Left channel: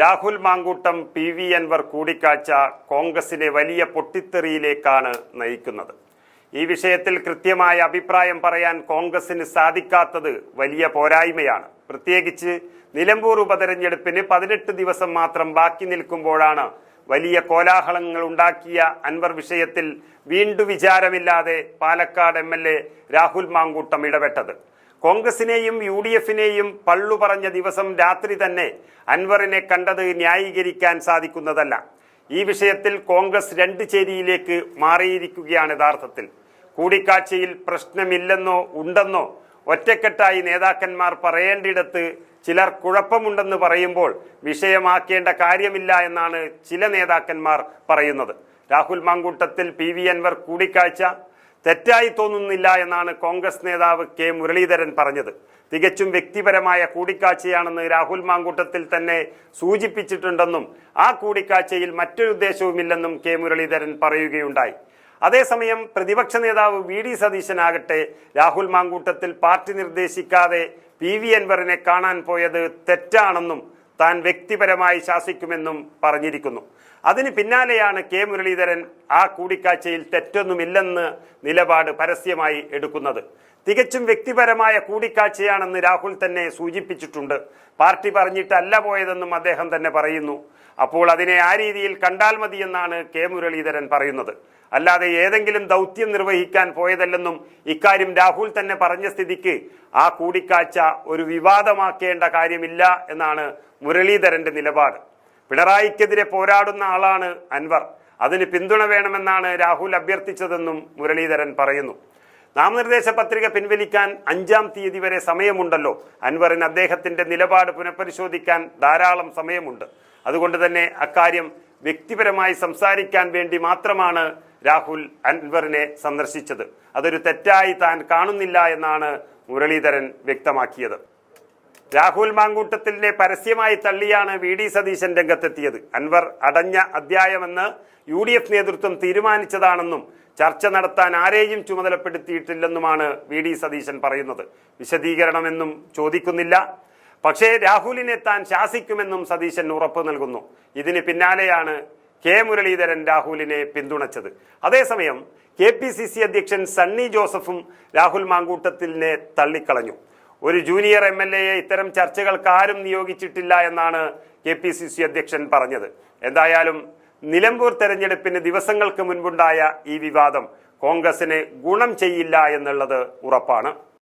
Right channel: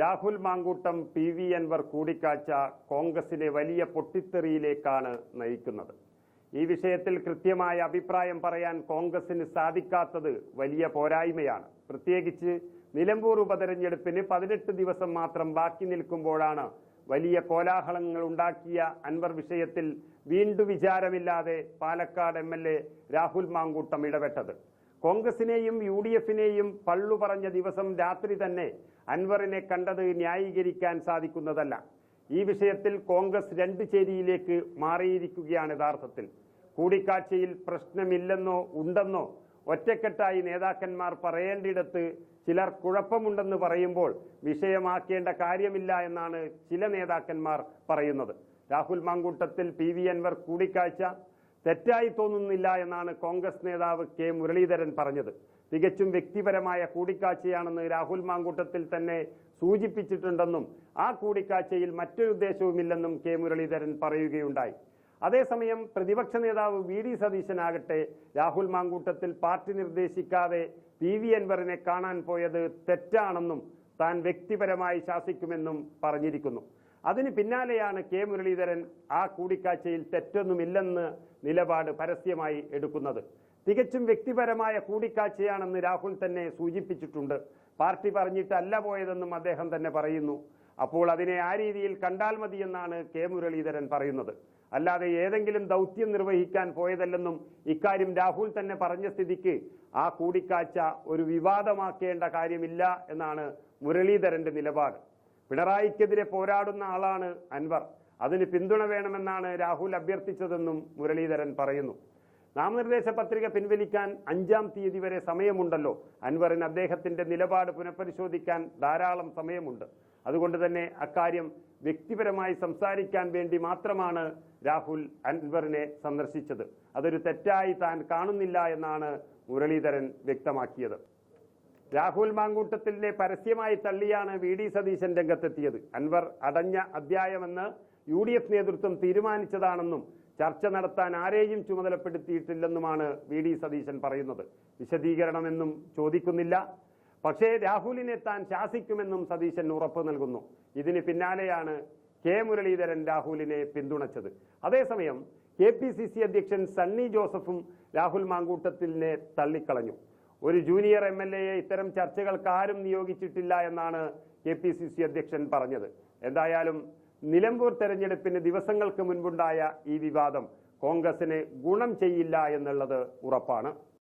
Rahul Mankoottam P V Anvar കൂടിക്കാഴ്ച കോൺഗ്രസിനെ വലിയ പൊട്ടിത്തെറിയിലേക്കാണ് നയിക്കുന്നത്. ഈ വിഷയത്തിൽ കൃത്യമായ അഭിപ്രായം പറയാൻ കോൺഗ്രസിന് സാധിക്കാത്തത് വലിയ പോരായ്മയാണ്. പ്രത്യേകിച്ച് നിലമ്പൂർ ഉപതെരഞ്ഞെടുപ്പിന് പതിനെട്ട് ദിവസം മാത്രം ബാക്കി നിൽക്കുമ്പോഴാണ് വലിയ കോലാഹലങ്ങൾ ഉണ്ടാക്കിയ അൻവർ വിഷയത്തിൽ വീണ്ടും വിചാരമില്ലാതെ പാലക്കാട് എം രാഹുൽ മാങ്കൂട്ടം ഇടപെട്ടത്. കോൺഗ്രസിനെയും യു ഡി എഫിനെയും പള്ളു പറഞ്ഞ ദിവസം രാത്രി തന്നെ അൻവറിനെ കണ്ടത് ന്യായീകരിക്കാൻ സാധിക്കുന്നതല്ല. ഈ വിഷയത്തിൽ കോൺഗ്രസ് രണ്ട് ചേരിയിലേക്ക് മാറിയിരിക്കുകയാണ് യഥാർത്ഥത്തിൽ. കൂടിക്കാഴ്ചയിൽ പ്രശ്നമില്ലെന്നോ ഉണ്ടെന്നോ ഒറ്റക്കെട്ടായി നേതാക്കന്മാർ പറയേണ്ടിടത്ത് ചിലർ കുഴപ്പമുണ്ടെന്ന് പറയുമ്പോൾ വിഷയമാക്കേണ്ട കാര്യമില്ല എന്നാണ് ചില നേതാക്കന്മാർ പറയുന്നത്. രാഹുൽ മാങ്കൂട്ടത്തിൽ പി വി അൻവർ കൂടിക്കാഴ്ച തെറ്റായി തോന്നുന്നില്ല എന്നാണ് കോൺഗ്രസ് നേതാവ് കെ മുരളീധരൻ പറഞ്ഞത്. തികച്ചും വ്യക്തിപരമായ കൂടിക്കാഴ്ചയാണെന്ന് രാഹുൽ മാങ്കൂട്ടത്തിൽ തന്നെ സൂചിപ്പിച്ചിട്ടുണ്ടെന്നും ആ കൂടിക്കാഴ്ചയിൽ മറ്റൊരു ഉദ്ദേശവുമില്ലെന്നും കെ മുരളീധരൻ പറയുകയുണ്ടായി. അതേസമയം പ്രതിപക്ഷ നേതാവ് വി ഡി സതീശനാകട്ടെ രാഹുൽ മാങ്കൂട്ടത്തിൽ പാർട്ടി നിർദ്ദേശിക്കാതെ പി വി അൻവറിനെ കാണാൻ പോയത് തെറ്റാണെന്നും താൻ വ്യക്തിപരമായി ശാസിക്കുമെന്നും പറഞ്ഞിരിക്കുന്നു. അതിന് പിന്നാലെയാണ് കെ മുരളീധരൻ ആ കൂടിക്കാഴ്ചയിൽ തെറ്റൊന്നുമില്ലെന്ന് നിലപാട് പരസ്യമായി എടുക്കുന്നത്. തികച്ചും വ്യക്തിപരമായ കൂടിക്കാഴ്ചയാണെന്ന് രാഹുൽ തന്നെ സൂചിപ്പിച്ചിട്ടുണ്ട്. പാർട്ടി പറഞ്ഞിട്ടല്ല പോയതെന്നും അദ്ദേഹം തന്നെ പറയുന്നു. അപ്പോൾ അതിനെ ആ രീതിയിൽ കണ്ടാൽ മതിയെന്നാണ് കെ മുരളീധരൻ പറയുന്നത്. അല്ലാതെ ഏതെങ്കിലും ദൗത്യം നിർവഹിക്കാൻ പോയതല്ലെന്നും ഇക്കാര്യം രാഹുൽ തന്നെ പറഞ്ഞ സ്ഥിതിക്ക് ആ കൂടിക്കാഴ്ച ഒരു വിവാദമാക്കേണ്ട കാര്യമില്ല എന്നാണ് മുരളീധരന്റെ നിലപാട്. പിണറായിക്കെതിരെ പോരാടുന്ന ആളാണ് അൻവർ. അതിന് പിന്തുണ വേണമെന്നാണ് രാഹുൽ അഭ്യർത്ഥിച്ചതെന്നും മുരളീധരൻ പറയുന്നു. നാമനിർദ്ദേശ പത്രിക പിൻവലിക്കാൻ അഞ്ചാം തീയതി വരെ സമയമുണ്ടല്ലോ. അൻവറിന് അദ്ദേഹത്തിന്റെ നിലപാട് പുനഃപരിശോധിക്കാൻ ധാരാളം സമയമുണ്ട്. അതുകൊണ്ട് തന്നെ അക്കാര്യം വ്യക്തിപരമായി സംസാരിക്കാൻ വേണ്ടി മാത്രമാണ് രാഹുൽ അൻവറിനെ സന്ദർശിച്ചത്. അതൊരു തെറ്റായി താൻ കാണുന്നില്ല എന്നാണ് മുരളീധരൻ വ്യക്തമാക്കിയത്. രാഹുൽ മാങ്കൂട്ടത്തിലെ പരസ്യമായി തള്ളിയാണ് വി ഡി സതീശൻ രംഗത്തെത്തിയത്. അൻവർ അടഞ്ഞ അധ്യായമെന്ന് യു ഡി എഫ് നേതൃത്വം തീരുമാനിച്ചതാണെന്നും ചർച്ച നടത്താൻ ആരെയും ചുമതലപ്പെടുത്തിയിട്ടില്ലെന്നുമാണ് വി ഡി സതീശൻ പറയുന്നത്. വിശദീകരണമെന്നും ചോദിക്കുന്നില്ല. പക്ഷേ രാഹുലിനെ താൻ ശാസിക്കുമെന്നും സതീശൻ ഉറപ്പ് നൽകുന്നു. ഇതിന് പിന്നാലെയാണ് കെ മുരളീധരൻ രാഹുലിനെ പിന്തുണച്ചത്. അതേസമയം കെ പി സി സി അധ്യക്ഷൻ സണ്ണി ജോസഫും രാഹുൽ മാങ്കൂട്ടത്തിനെ തള്ളിക്കളഞ്ഞു. ഒരു ജൂനിയർ എം എൽ എയെ ഇത്തരം ചർച്ചകൾക്ക് ആരും നിയോഗിച്ചിട്ടില്ല എന്നാണ് കെ പി സി സി അധ്യക്ഷൻ പറഞ്ഞത്. എന്തായാലും നിലമ്പൂർ തെരഞ്ഞെടുപ്പിന് ദിവസങ്ങൾക്ക് മുൻപുണ്ടായ ഈ വിവാദം കോൺഗ്രസിന് ഗുണം ചെയ്യില്ല എന്നുള്ളത് ഉറപ്പാണ്.